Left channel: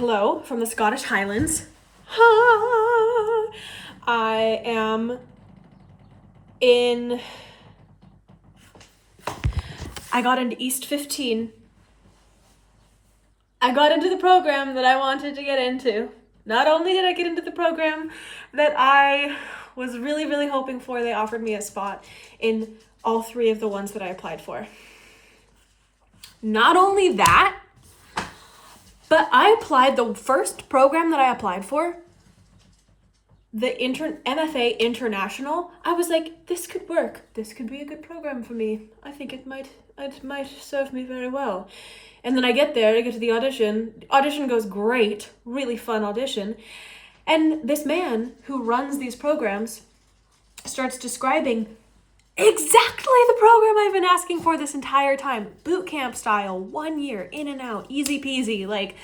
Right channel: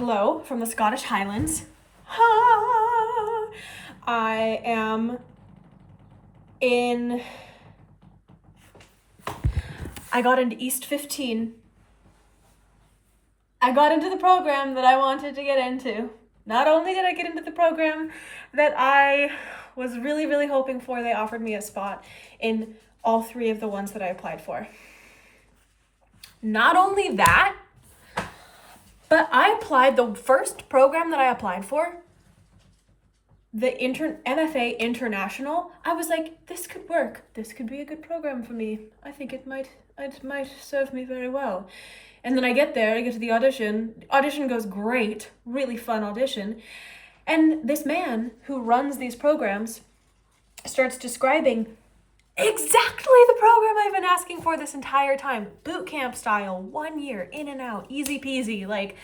Hello from the Scottish Highlands. I am I got into East 15. I got into the program that I wanted to get into. Not only did I get into the program that I was really, really hoping for, they offered me a spot in all three of the ones that I applied for. Not only that, but I applied, the first program that I applied for, the MFA International, I was like, this could work. This could be a good program for me. I think it might serve me very well. And then I get there, I get to the audition. Audition goes great, really fun audition. And this man who runs these programs starts describing exactly the program I've been asking for this entire time. Boot camp style, 1 year, in and out, easy peasy, like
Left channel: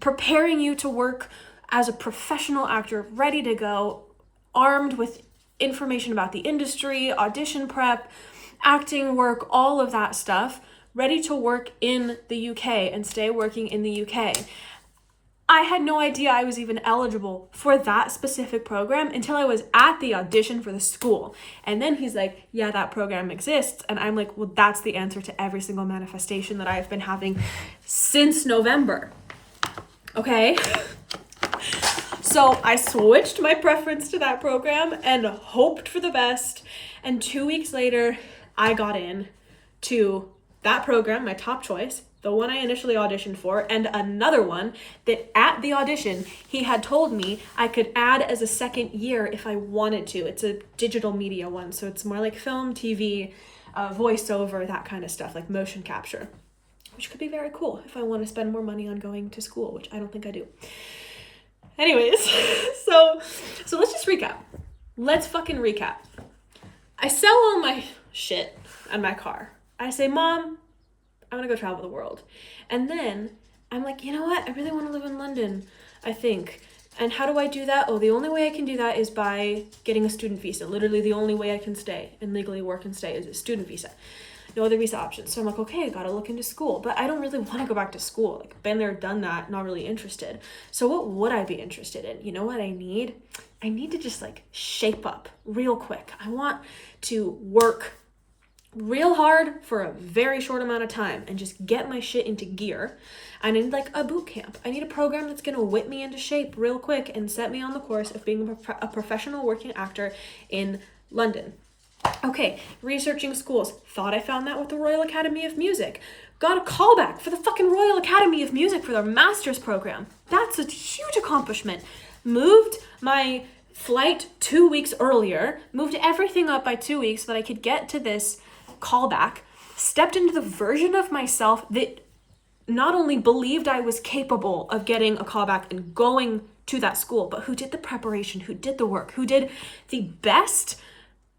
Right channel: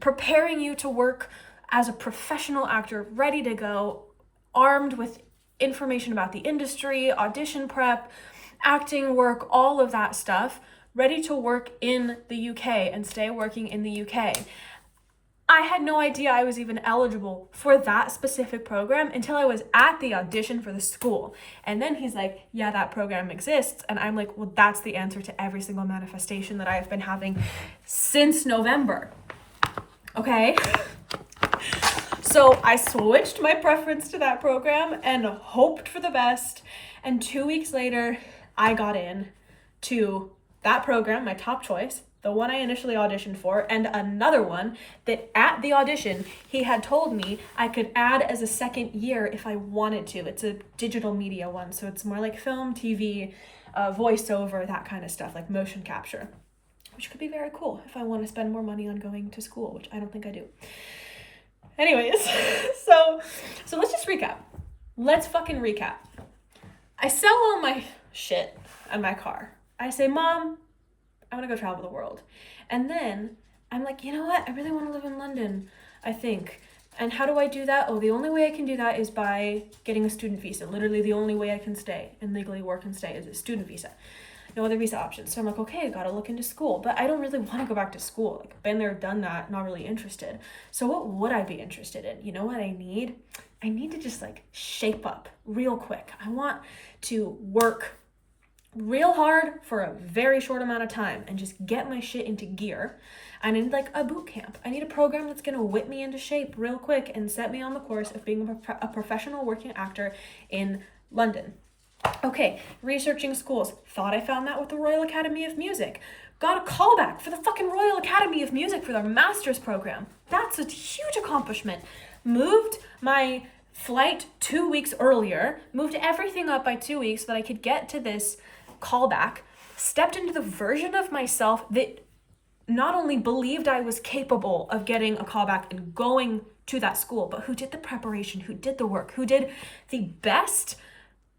preparing you to work as a professional actor, ready to go, armed with information about the industry, audition prep, acting work, all of that stuff, ready to work in the UK and stay working in the UK. I had no idea I was even eligible for that specific program until I was at the audition for the school. And then he's like, yeah, that program exists. And I'm like, well, that's the answer to every single manifestation that I've been having since November. Okay? So I switched my preference to that program and hoped for the best. And 2 weeks later, I got in to that program, my top choice, the one I initially auditioned for, and another one that at the audition, he had told me I could add as a second year if I wanted to. It's a digital media one, so it's more like film, TV, voiceover, that kind of stuff, like motion capture, which could be very cool if I want to spend more money on going to school, which I don't think I do. Anyways, so let's just recap. Let's fucking recap. I sell all my shit on my car. I say, Mom, I'm gonna go travel the world. And then I'm like, you know what? I really want to live in London, I think. And how do I do that? Oh, the only way I can do that is by getting a student visa. Literally the only way I can stay and legally work and stay is a student visa. No other visa options. So I'm like, okay, I gotta look into school. But I don't really want to go back to school. Like, been there, done that, not really interested. So what would I be interested in? You know what I need? I need to just like shape up real quick. I want to work real hard for a very short amount of time and just get my shit into gear. I need like a boot camp. I need a program that's gonna whip me into shape real quick and set me on the course of being a professional working actor in London. Okay, researching schools. Thought I found that with the Royal Academy of Music. Got a callback for the fucking Royal Academy of Music for their master's program. That's a huge accomplishment. Moved my flight 2 weeks earlier, moved everything up by 2 weeks so that I could get to this callback, stepped into the version of myself that not only believed I was capable of getting a callback and going to that school, but who did the preparation, who did the work, who did the best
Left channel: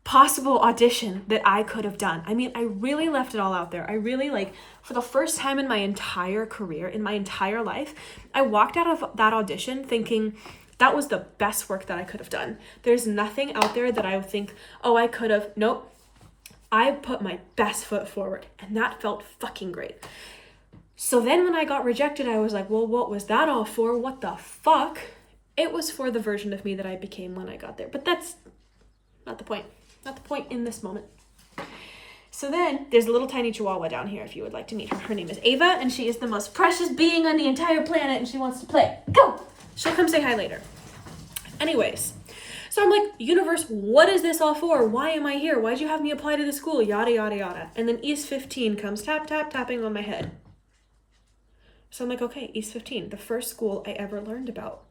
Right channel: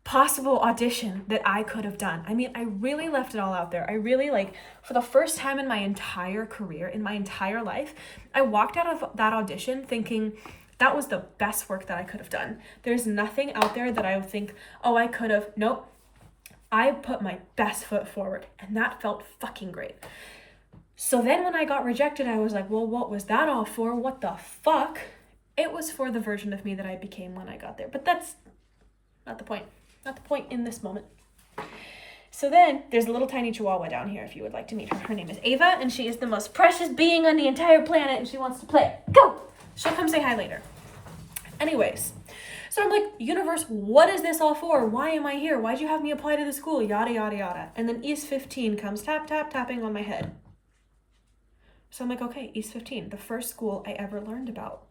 possible audition that I could have done. I mean, I really left it all out there. I really, like, for the first time in my entire career, in my entire life, I walked out of that audition thinking that was the best work that I could have done. There's nothing out there that I would think, oh, I could have. Nope. I put my best foot forward, and that felt fucking great. So then when I got rejected, I was like, well, what was that all for? What the fuck? It was for the version of me that I became when I got there. But that's not the point. Not the point in this moment. So then there's a little tiny chihuahua down here if you would like to meet her. Her name is Ava, and she is the most precious being on the entire planet, and she wants to play. Go! She'll come say hi later. Anyways, so I'm like, universe, what is this all for? Why am I here? Why'd you have me apply to the school? Yada, yada, yada. And then East 15 comes tap, tap, tapping on my head. So I'm like, okay, East 15, the first school I ever learned about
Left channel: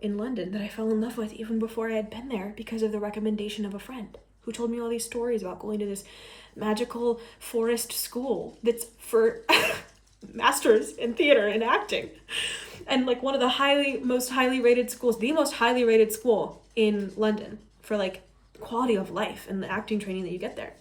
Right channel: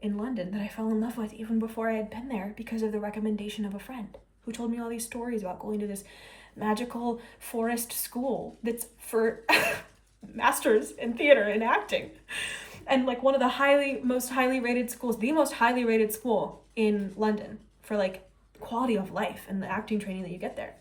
in London that I fell in love with even before I had been there because of the recommendation of a friend who told me all these stories about going to this magical forest school that's for masters in theater and acting. And like one of the most highly rated schools, the most highly rated school in London for like quality of life and the acting training that you get there.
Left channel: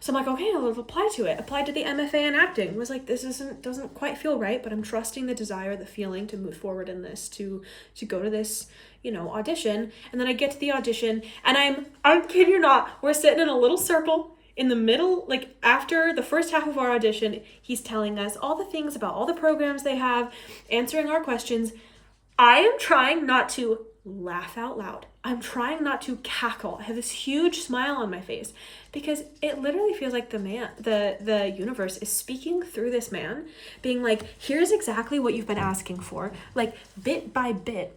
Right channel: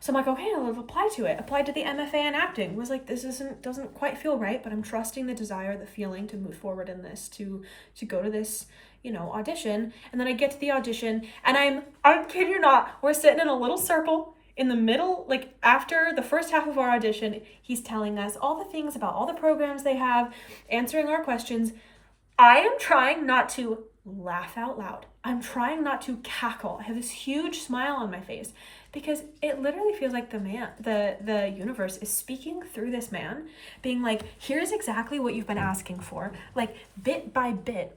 So I'm like, okay, I'll apply to it. Applied to the MFA in acting. Was like, this doesn't quite feel right, but I'm trusting the desire, the feeling to move forward in this, to go to this, audition. And then I get to the audition and I kid you not, we're sitting in a little circle in the middle, like after the first half of our audition, he's telling us all the things about all the programs they have, answering our questions. I am trying not to laugh out loud. I'm trying not to cackle. I have this huge smile on my face because it literally feels like the universe is speaking through this man, being like, here's exactly what you've been asking for, like bit by bit,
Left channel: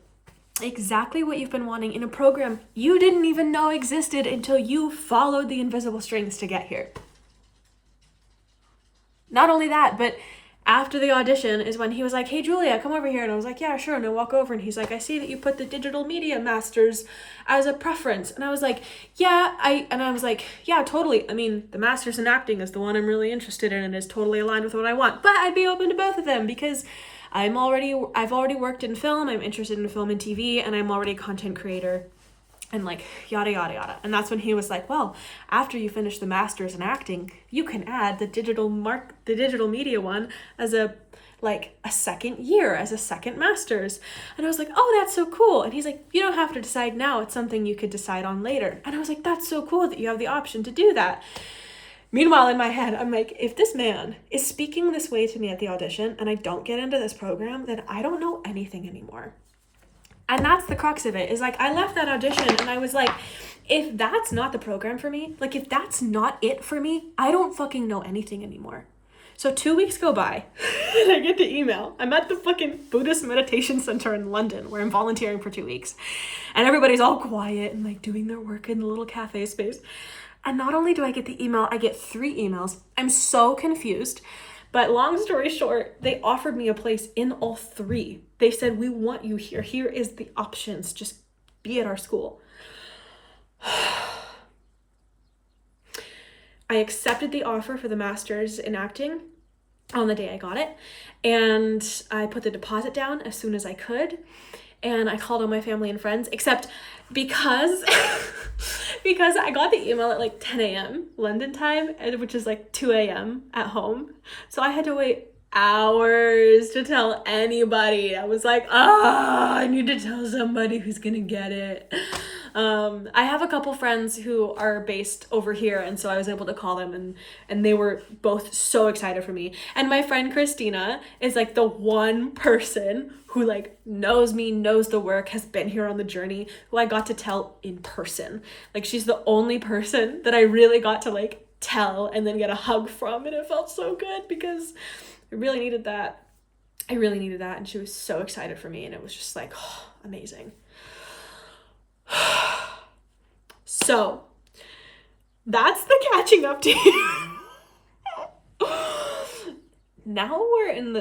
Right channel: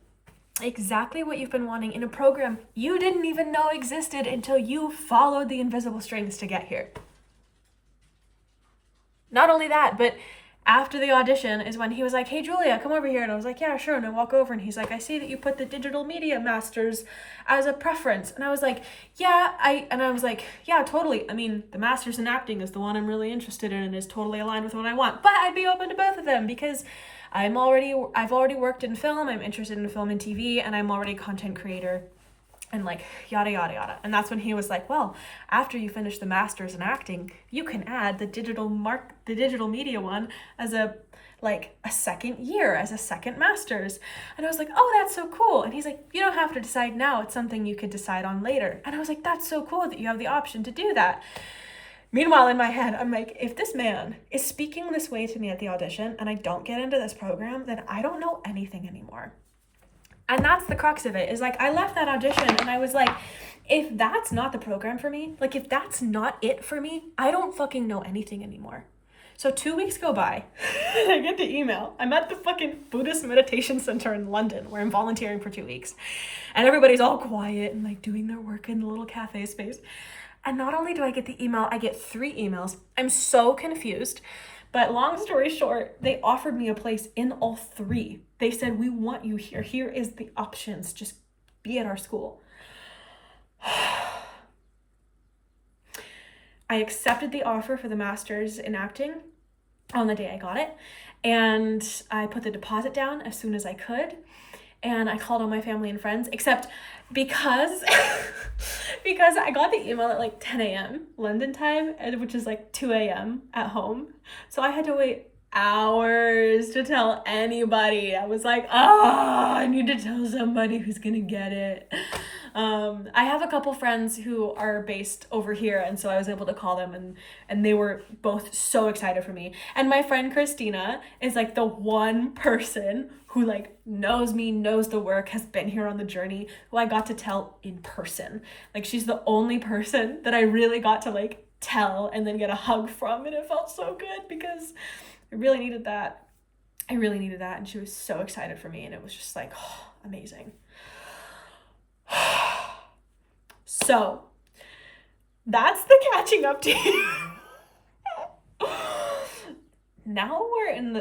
exactly what you've been wanting in a program you didn't even know existed until you followed the invisible strings to get here. Not only that, but after the audition is when he was like, hey, Julia, come over here. And I was like, yeah, sure. And I walk over and he's like, I see that you put the digital media masters as a preference. And I was like, yeah, totally. I mean, the masters in acting is the one I'm really interested in and is totally aligned with what I want. But I'd be open to both of them because I've already worked in film. I'm interested in film and TV, and I'm already a content creator. And like yada yada yada. And that's when he was like, well, after you finish the masters in acting, you can add the digital media one as a second year, as a second masters. And I was like, oh, that's so cool. And he's like, you don't have to decide now, it's something you could decide on later. And I was like, that's so cool that you have the option to do that. Meanwhile, in my head, I'm like, if this man is speaking this way to me at the audition and I don't get into this program, then I don't know anything anymore. And that's the crux of it, is like, I left that audition and I was like, if that's not the program for me, like if that's not it for me, I don't fucking know anything anymore. So 2 weeks go by and I get the email. I'm at the fucking Buddhist meditation center in London where I'm volunteering for 2 weeks. And everybody's all quiet and like doing their work in the little cafe space. And not only do I get the email, I get 3 emails. I'm so confused. But long story short, they offered me a place in all 3. They said, we want you here. Here is the options. Just be at our school. I accepted the offer for the master's in acting on the day I got it. And I put the deposit down as soon as I could. And I called all my family and friends, except because I got the email at like 10 a.m. London time, which is like 2 a.m. at home. So I had to wait hours to tell anybody. I was like, I need to tell somebody who's gonna get it. I have a couple friends who are based over here, and so I was able to call them, and they were both so excited for me. And my friend Christina is like the one person who like knows me, knows the work, has been here on the journey, who I got to tell in person. Like, she's the only person that I really got to like tell and then get a hug from, and it felt so good because I really needed that. And she was so excited for me, and it was just like, oh, amazing. So that's the catching up to you. Now we're in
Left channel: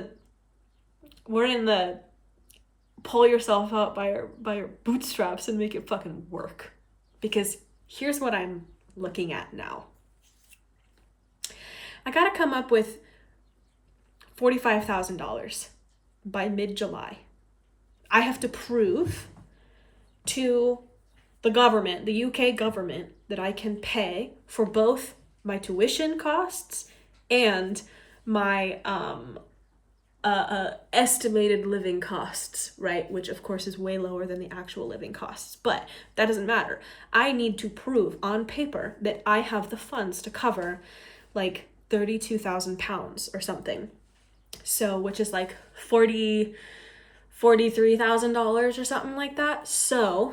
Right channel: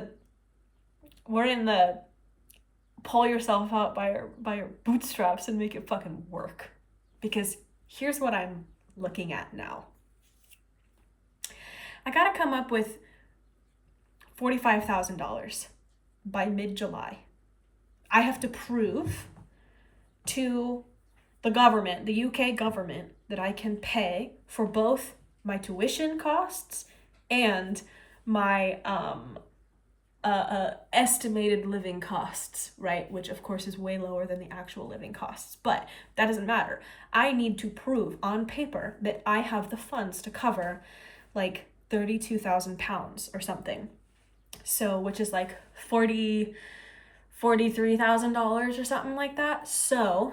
the pull yourself out by your bootstraps and make it fucking work. Because here's what I'm looking at now. I gotta come up with $45,000 by mid-July. I have to prove to the government, the UK government, that I can pay for both my tuition costs and my estimated living costs, right? Which of course is way lower than the actual living costs, but that doesn't matter. I need to prove on paper that I have the funds to cover like £32,000 or something. So, which is like $43,000 or something like that. So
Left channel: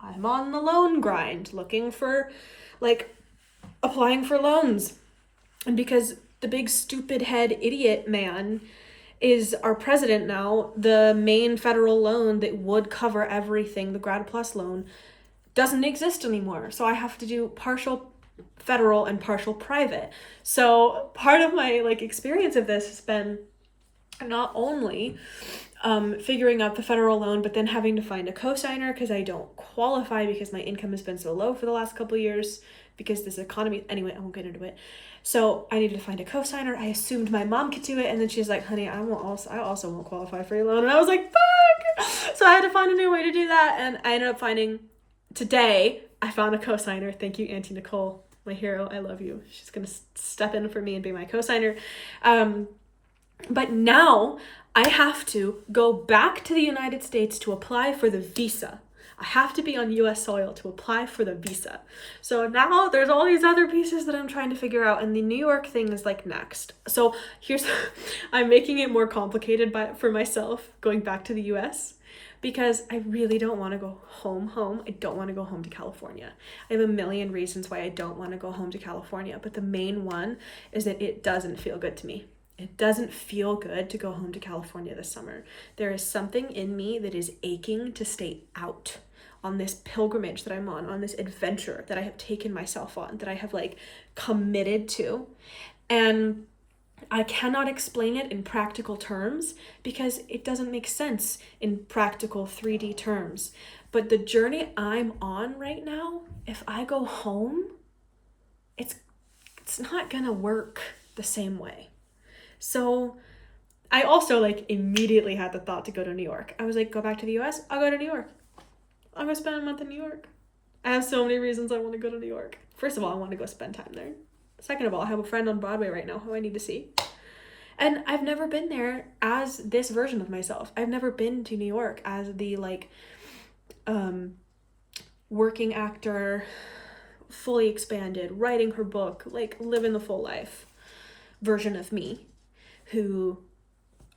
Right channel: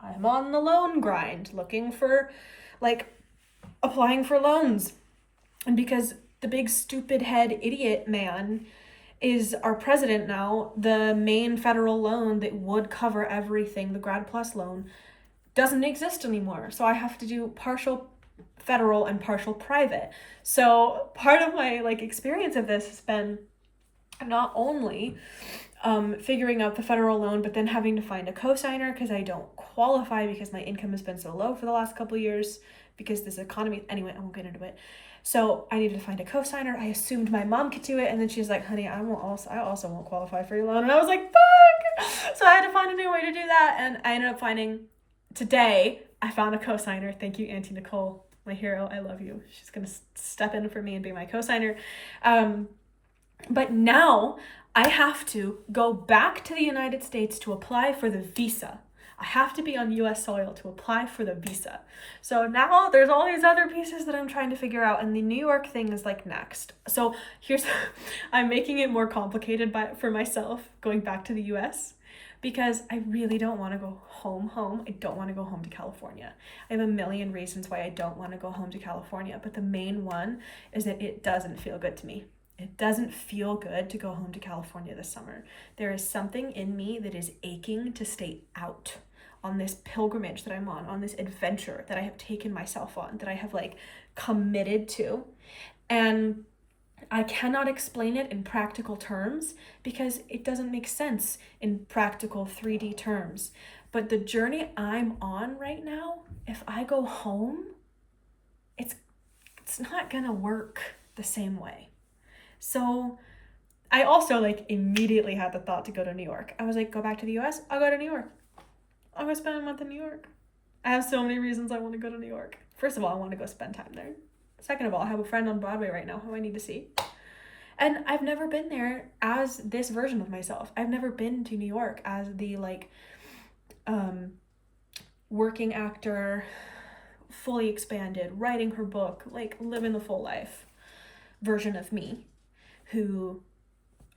I'm on the loan grind, looking for, like, applying for loans. And because the big stupid head idiot man is our president now, the main federal loan that would cover everything, the Grad Plus loan, doesn't exist anymore. So I have to do partial federal and partial private. So part of my like experience of this has been not only figuring out the federal loan, but then having to find a co-signer because I don't qualify because my income has been so low for the last couple of years because this economy, anyway, I won't get into it. So I needed to find a co-signer. I assumed my mom could do it, and then she's like, honey, I also won't qualify for your loan. And I was like, fuck! So I had to find a new way to do that, and I ended up finding, today, I found a co-signer. Thank you, Auntie Nicole, my hero. I love you. She's gonna step in for me and be my co-signer. But now I have to go back to the United States to apply for the visa. I have to be on US soil to apply for the visa. So now there's all these other pieces that I'm trying to figure out, and the New York thing is like next. So here's, I'm making it more complicated for myself going back to the US, because I really don't want to go home. I don't want to go home to California. I have a million reasons why I don't want to go home to California, but the main one is that it doesn't feel good to me. It doesn't feel good to go home to California this summer. There is something in me that is aching to stay out on this pilgrimage that I'm on this adventure that I have taken myself on, that I have like committed to. And I cannot explain it in practical terms because it doesn't make sense in practical 3D terms. But the journey I'm on right now, if I go home, it's not gonna work the same way. So I also like immediately had the thought to go to New York. I was like, go back to the US, I'll go to New York. I'm gonna spend a month in New York. I have so many reasons I want to go to New York. First of all, I want to go spend time there. Second of all, I have a friend on Broadway right now who I need to see. And I've never been there as this version of myself. I've never been to New York as the like working actor, fully expanded, writing her book, like living the full life version of me who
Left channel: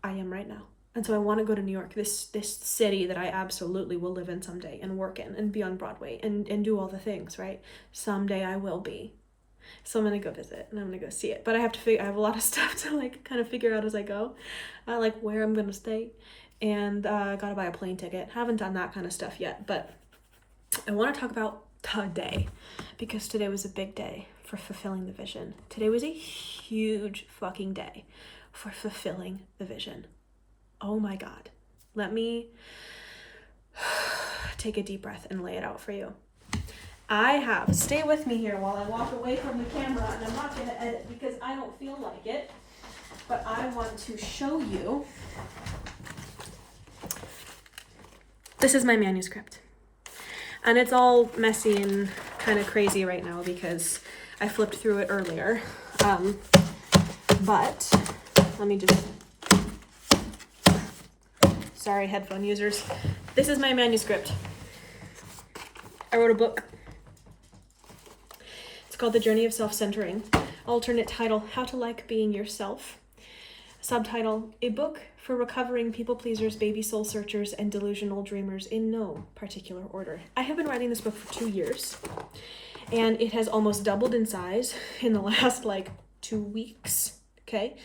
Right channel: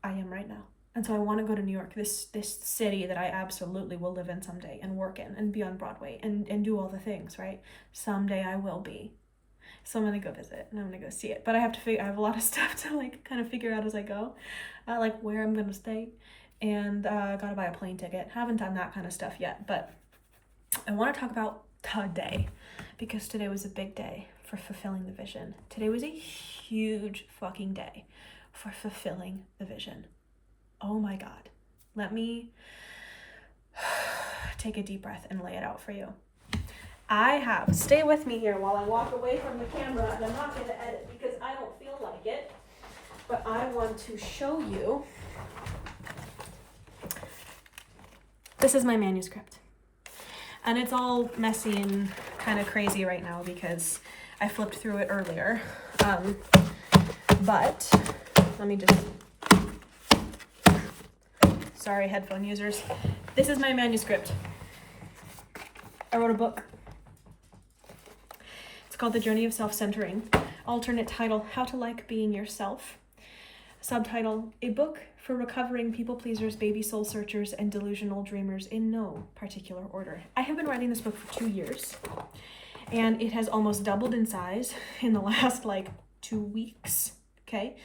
I am right now. And so I want to go to New York, this city that I absolutely will live in someday and work in and be on Broadway and do all the things, right? Someday I will be. So I'm going to go visit and I'm going to go see it. But I have a lot of stuff to like kind of figure out as I go, like where I'm going to stay, and got to buy a plane ticket. Haven't done that kind of stuff yet, but I want to talk about today because today was a big day for fulfilling the vision. Today was a huge fucking day for fulfilling the vision. Oh my God. Let me take a deep breath and lay it out for you. Stay with me here while I walk away from the camera, and I'm not going to edit because I don't feel like it, but I want to show you. This is my manuscript. And it's all messy and kind of crazy right now because I flipped through it earlier. But let me just... Sorry, headphone users. This is my manuscript. I wrote a book. It's called The Journey of Self-Centering. Alternate title, How to Like Being Yourself. Subtitle, A Book for Recovering People Pleasers, Baby Soul Searchers, and Delusional Dreamers in no particular order. I have been writing this book for 2 years, and it has almost doubled in size in the last 2 weeks, okay?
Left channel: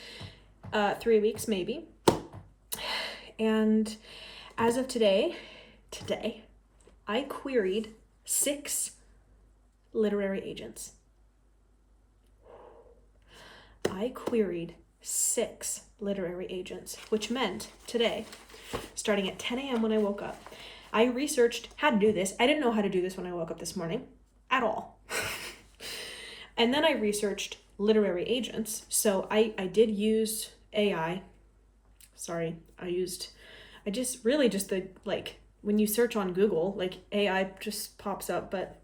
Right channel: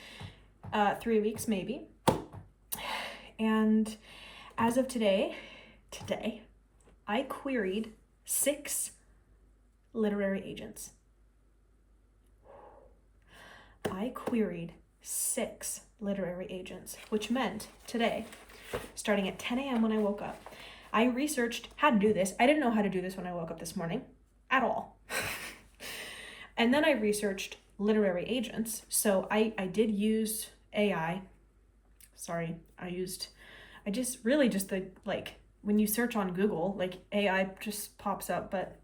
3 weeks maybe. And as of today, I queried 6 literary agents. I queried 6 literary agents, which meant today, starting at 10 a.m. when I woke up, I researched how to do this. I didn't know how to do this when I woke up this morning at all. And then I researched literary agents. So I did use AI. Sorry, when you search on Google, AI just pops up, but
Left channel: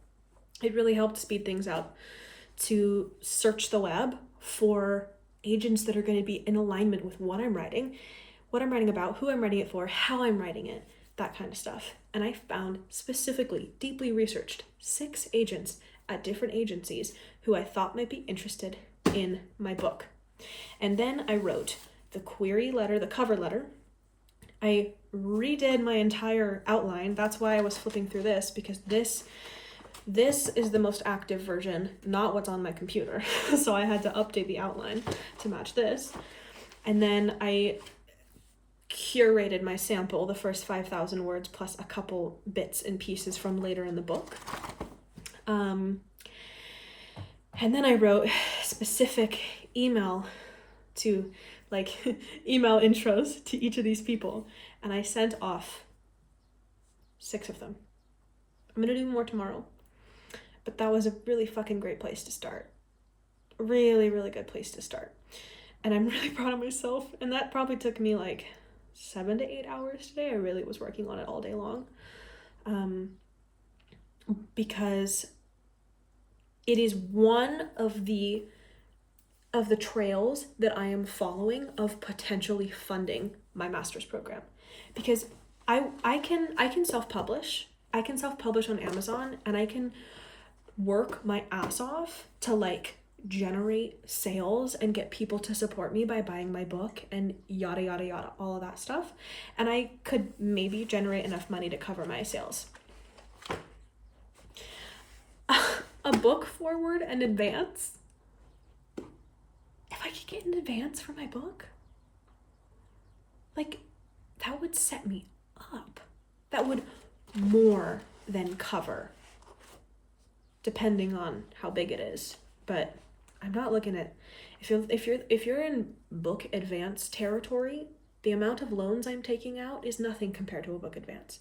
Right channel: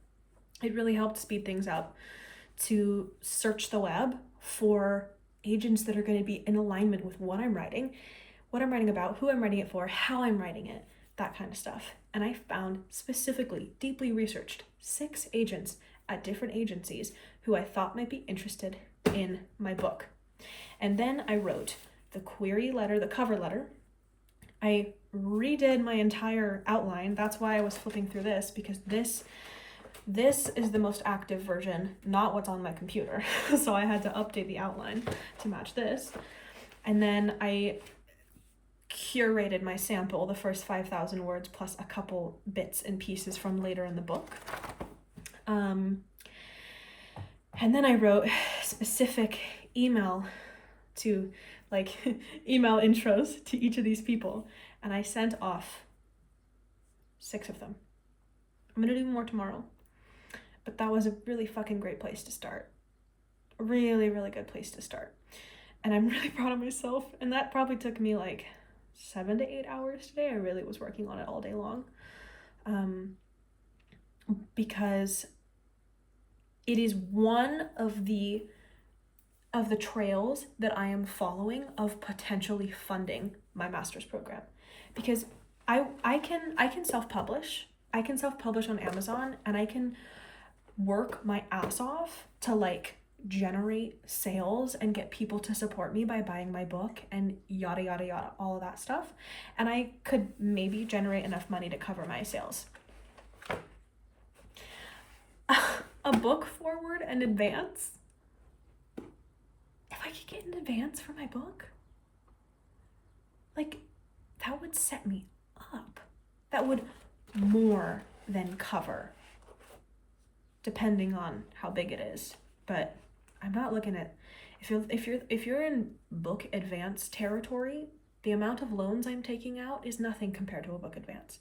it really helped speed things up to search the web for agents that are going to be in alignment with what I'm writing about, who I'm writing it for, how I'm writing it, that kind of stuff. And I found specifically, deeply researched 6 agents at different agencies who I thought might be interested in my book. And then I wrote the query letter, the cover letter. I redid my entire outline. That's why I was flipping through this, because this is the most active version, not what's on my computer. So I had to update the outline to match this. And then I curated my sample, the first 5,000 words, plus a couple bits and pieces from later in the book. And then I wrote specific email intros to each of these people. And I sent off 6 of them. I'm going to do more tomorrow. But that was a really fucking great place to start. A really, really good place to start. And I'm really proud of myself. And that probably took me 7 to 8 hours today. I really was working on it all day long. Because it is one of the trails that I am following of potentially funding my master's program. Because I can self-publish. I can self-publish on Amazon, and I can work my ass off to like generate sales and get people to support me by buying my book and yada yada yada, all of that stuff, and I could maybe generate enough money to cover my sales. A book forward and advance, if I could get an advance for my book, like, that would set me up. That would more than cover, depending on how big it is. But I'm not looking at, if you're in book advance territory, the amount of loans I'm taking out is nothing compared to a book advance.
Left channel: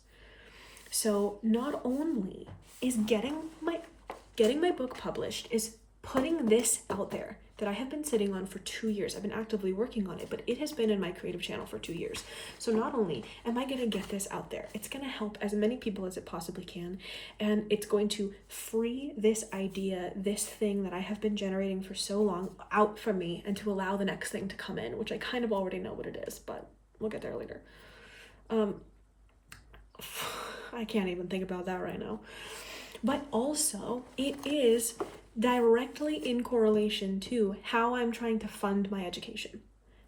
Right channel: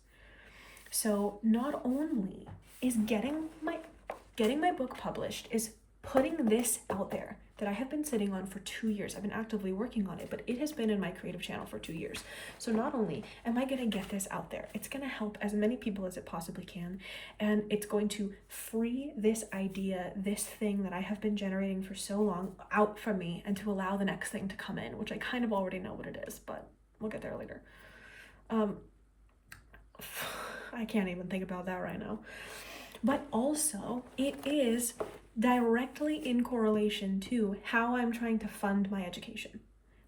So not only is getting my book published, is putting this out there that I have been sitting on for 2 years. I've been actively working on it, but it has been in my creative channel for 2 years. So not only am I going to get this out there, it's going to help as many people as it possibly can, and it's going to free this idea, this thing that I have been generating for so long out from me, and to allow the next thing to come in, which I kind of already know what it is, but we'll get there later. I can't even think about that right now. But also, it is directly in correlation to how I'm trying to fund my education.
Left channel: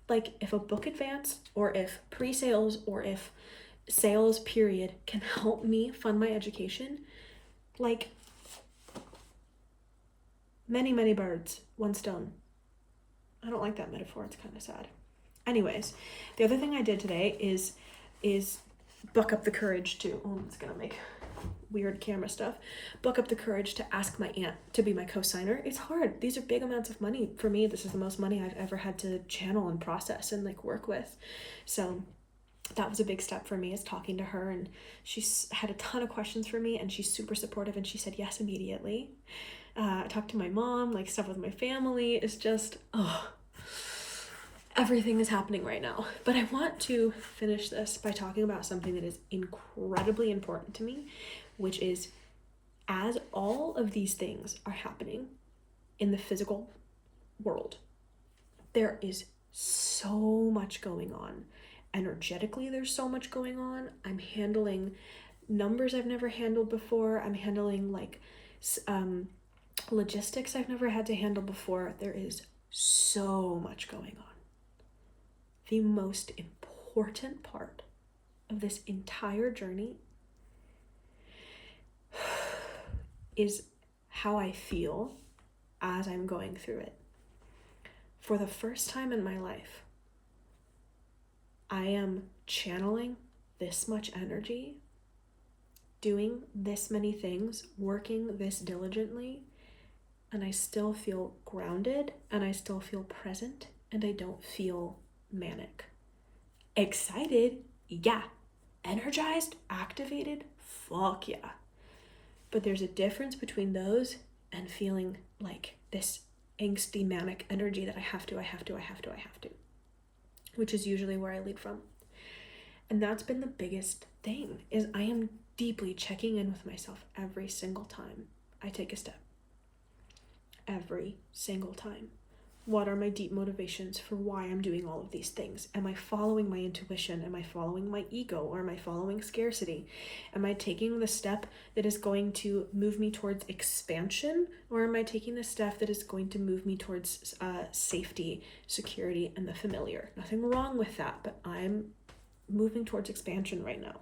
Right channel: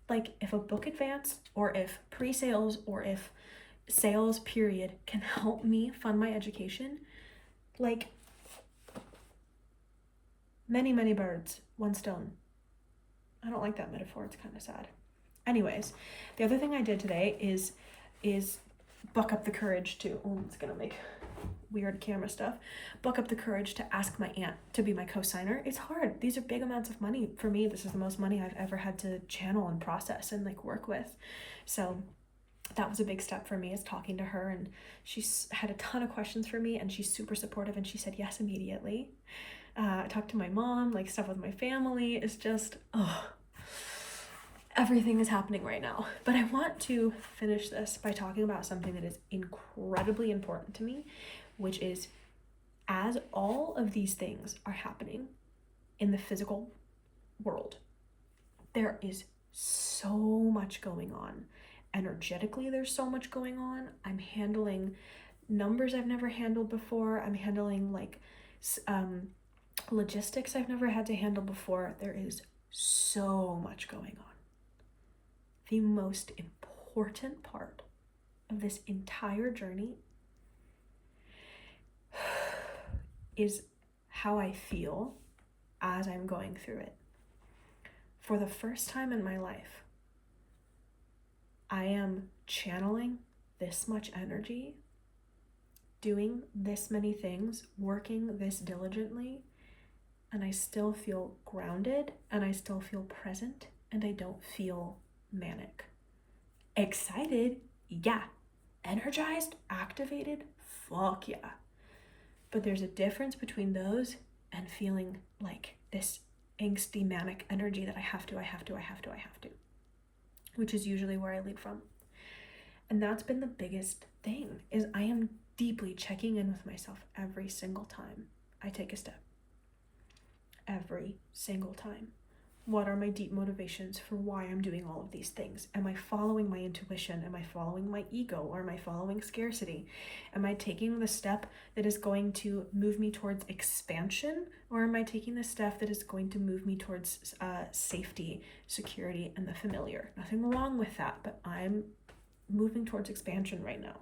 Like, if a book advance, or if pre-sales, or if sales period can help me fund my education, like, many, many birds, one stone. I don't like that metaphor, it's kind of sad. Anyways, the other thing I did today is buck up the courage to, it's gonna make weird camera stuff, buck up the courage to ask my aunt to be my co-signer. It's hard. These are big amounts of money. For me, this is the most money I've ever had to channel and process and like work with. So that was a big step for me, is talking to her, and she's had a ton of questions for me, and she's super supportive, and she said yes immediately. I talked to my mom, like stuff with my family. It's just, everything is happening right now. But I want to finish this by talking about something that is incredibly important to me, which is, as all of these things are happening in the physical world, there is so much going on. Energetically, there's so much going on. I'm handling numbers I've never handled before. I'm handling like logistics I've never had to handle before. There is so much going on. The most important part of this entire journey is how I feel as I'm going through it. For the first time in my life, I am channeling this much energy, doing this many things, working this diligently, and I still feel grounded, and I still feel present, and I don't feel manic. Excited, yeah. Energized, activated, fuck yeah. But there's a difference between those and feeling like this angsty, manic energy that I have to, which is usually where I lead from. And that's been the biggest thing, is I am deeply checking in with myself every single time I take a step. Every single time. What are my deep motivations for why I'm doing all of these things? Am I following my intuition? Am I following my ego? Or am I following scarcity? Am I taking the step that is going to move me towards expansion? Or am I taking the step that is going to move me towards safety, security, and the familiar? Nothing wrong with that, but I'm moving towards expansion right now.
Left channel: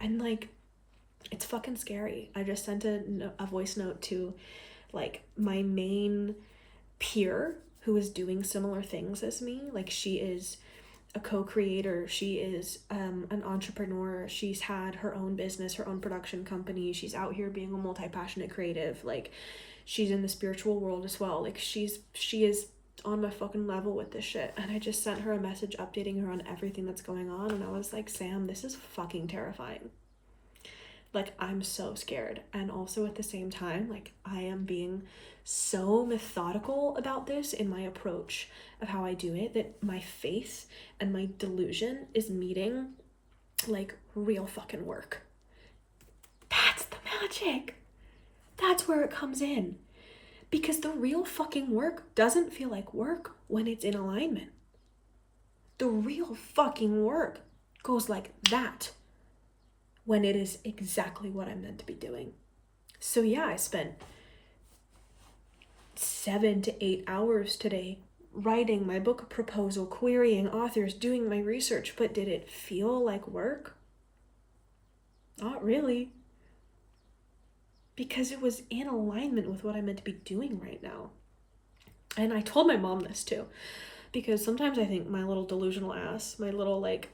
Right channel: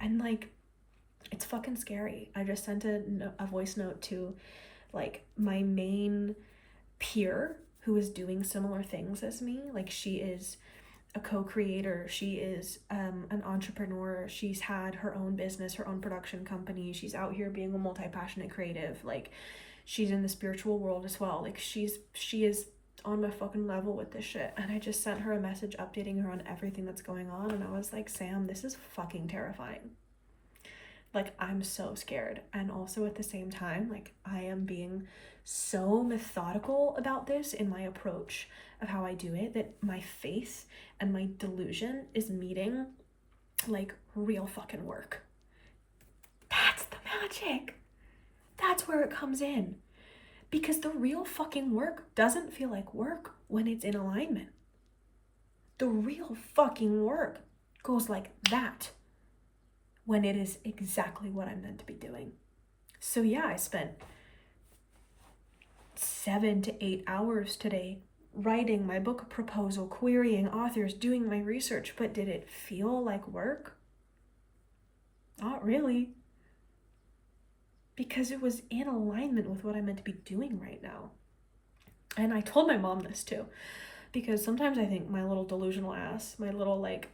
And like, it's fucking scary. I just sent a voice note to like my main peer who is doing similar things as me. Like, she is a co-creator, she is an entrepreneur, she's had her own business, her own production company, she's out here being a multi-passionate creative, like she's in the spiritual world as well. Like, she is on my fucking level with this shit. And I just sent her a message updating her on everything that's going on, and I was like, Sam, this is fucking terrifying. Like, I'm so scared. And also at the same time, like, I am being so methodical about this in my approach of how I do it, that my faith and my delusion is meeting like real fucking work. That's the magic. That's where it comes in. Because the real fucking work doesn't feel like work when it's in alignment. The real fucking work goes like that when it is exactly what I'm meant to be doing. So yeah, I spent 7 to 8 hours today writing my book proposal, querying authors, doing my research, but did it feel like work? Not really. Because it was in alignment with what I'm meant to be doing right now. And I told my mom this too, because sometimes I think my little delusional ass, my little like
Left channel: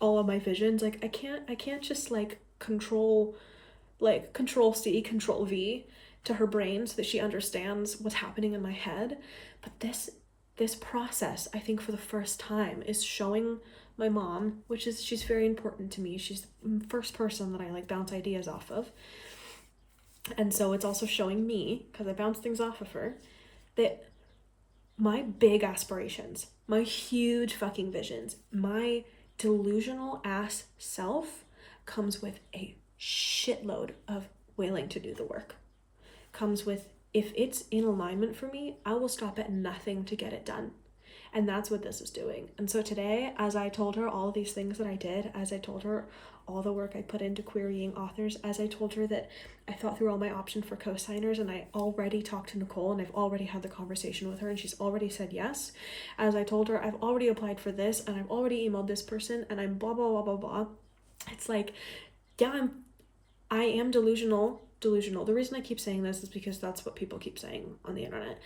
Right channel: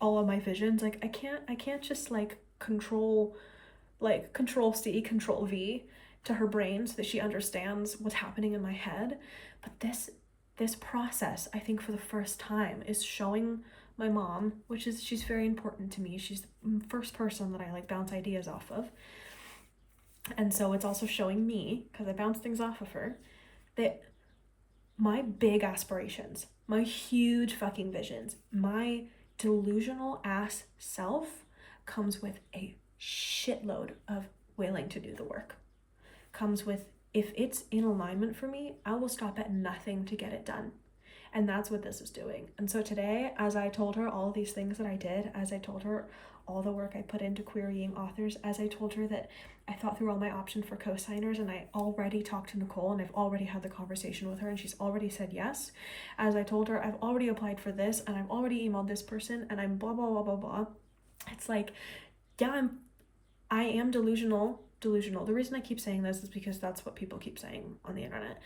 all of my visions, like I can't just like control C, control V to her brain so that she understands what's happening in my head. But this process, I think for the first time, is showing my mom, which is, she's very important to me. She's the first person that I like bounce ideas off of. And so it's also showing me, because I bounce things off of her, that my big aspirations, my huge fucking visions, my delusional ass self comes with a shitload of willing to do the work. Comes with, if it's in alignment for me, I will stop at nothing to get it done. And that's what this is doing. And so today, as I told her all of these things that I did, as I told her all the work I put into querying authors, as I told her that I thought through all my options for co-signers, and I already talked to Nicole and I've already had the conversation with her and she's already said yes. As I told her, I've already applied for this and I've already emailed this person and I'm blah, blah, blah, blah, blah. It's like, yeah, I am delusional. The reason I keep saying this is because that's what people keep saying on the internet.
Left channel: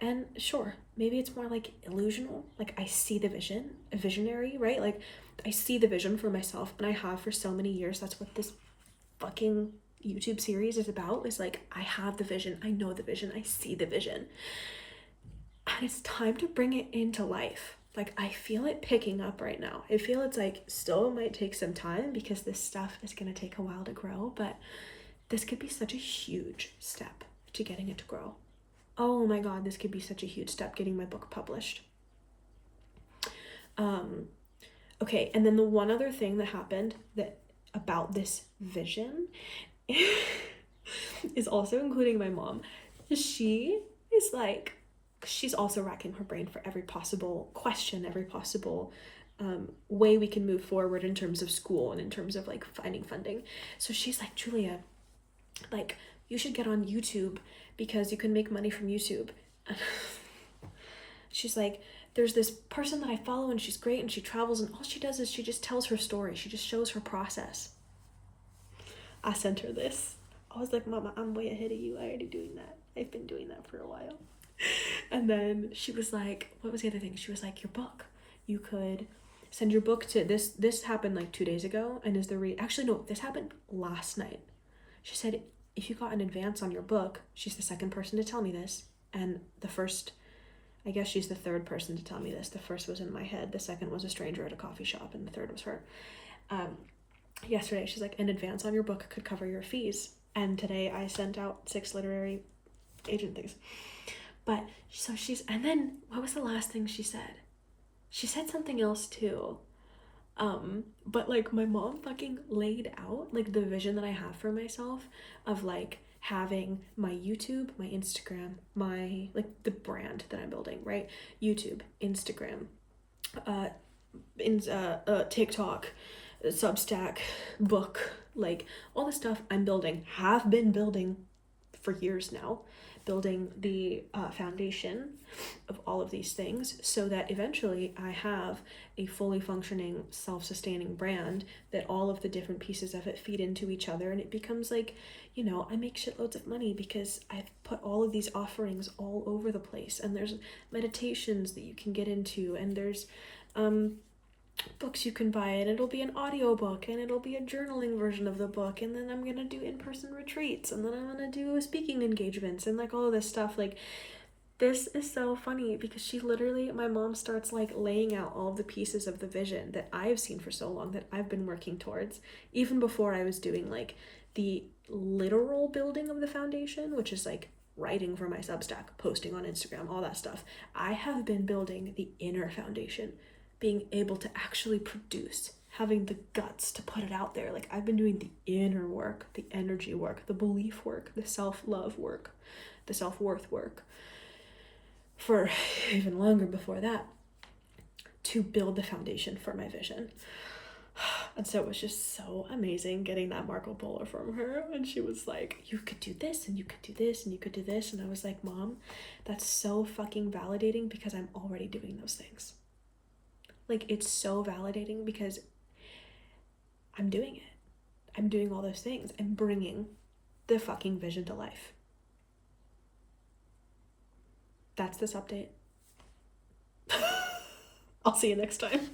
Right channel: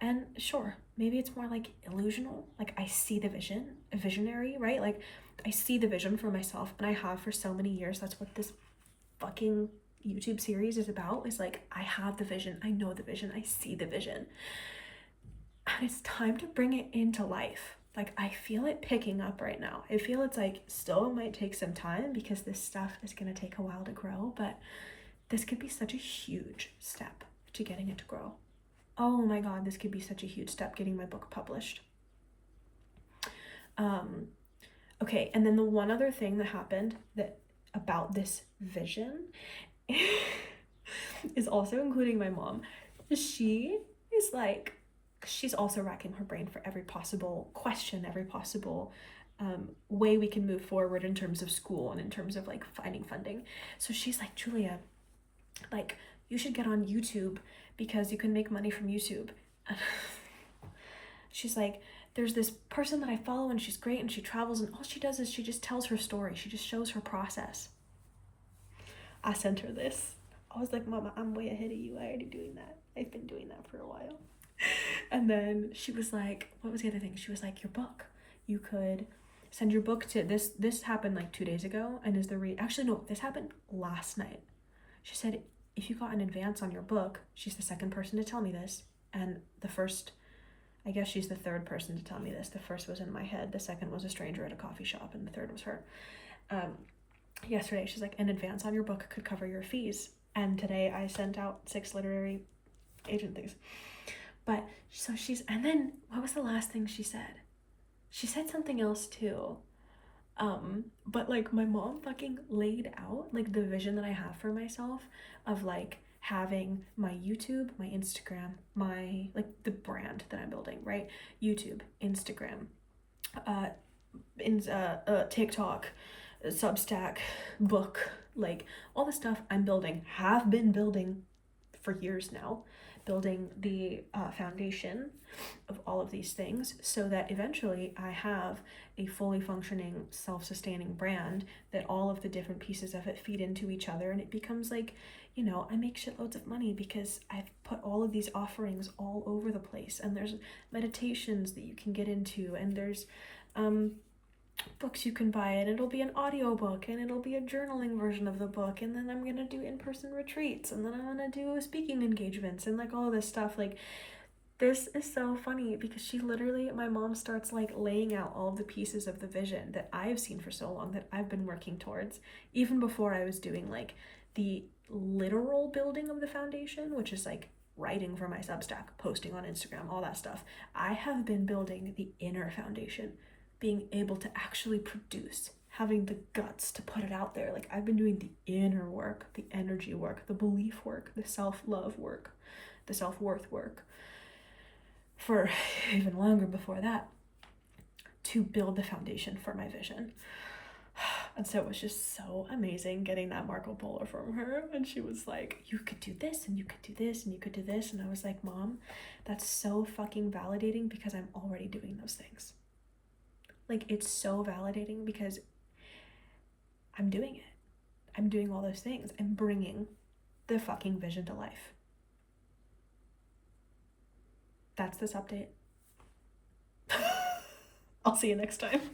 And sure, maybe it's more like illusional. Like I see the vision, a visionary, right? Like I see the vision for myself and I have for so many years. That's what this fucking YouTube series is about, is like, I have the vision, I know the vision, I see the vision. And it's time to bring it into life. Like I feel it picking up right now. I feel it's like still might take some time because this stuff is gonna take a while to grow, but this could be such a huge step to getting it to grow. Oh my God, this could be such a huge step getting my book published. Okay, and then the one other thing that happened that about this vision is also including my mom. She is like, she's also racking her brain for every possible question, every possible way we can move forward in terms of school and in terms of like finding funding. So she's like, Julia, like you should get on YouTube because you can make money from YouTube. She's like, there's this person that I follow and she's great and she travels and all she does is she just tells her story. She just shows her process. I sent her this. I was like, Mama, I'm way ahead of you. I already doing that. I've been doing that for a while. And then she was like, what was the other thing? She was like, your book. You could send your book to this. This happened like 2 days ago. And is the actually, no, this happened last night. She said, if you got an advance on your book, she's the second person to tell me this. And the first, I guess she's the third person to tell me this. The first was in my head. The second was a stranger at a coffee shop. And the third was her. Yesterday, she's like, an advance on your book could cover your fees. And today I sent out 6 literary agent things. But so she's, and then what was the last thing she said? She said something else too. But like my mom fucking laid out like the vision that I have for myself of like having my YouTube, my Instagram, my like the brand that I'm building, right? YouTube, Instagram, TikTok, Substack, book, like all the stuff I'm building, have been building for years now, building the foundation of all of these things so that eventually I have a fully functioning, self-sustaining brand that all of the different pieces of it feed into each other, and it becomes like, you know, I make shitloads of money because I've put all of these offerings all over the place, and there's meditations that you can get into, and there's books you can buy, and it'll be an audiobook, and it'll be a journaling version of the book, and then I'm gonna do in-person retreats, and then I'm gonna do speaking engagements, and like all of this stuff. Like this is so funny because she literally, my mom starts like laying out all of the pieces of the vision that I've seen for so long, that I've been working towards, even before I was doing like the literal building of the foundation, which is like writing for my Substack, posting on Instagram, all that stuff. I have been building the inner foundation, being able to actually produce, having the guts to put it out there. Like I've been doing the inner work, the energy work, the belief work, the self-love work, the self-worth work for even longer before that to build the foundation for my vision. And so it was just so amazing getting that Marco Polo from her. And she was like, you could do this and you could do this and you could do this. And I was like, Mom, that's so fucking validating because I'm already doing those things. Like, it's so validating because I'm doing it. I'm doing all those things. I'm bringing the fucking vision to life. That's this update. I'll see you next time.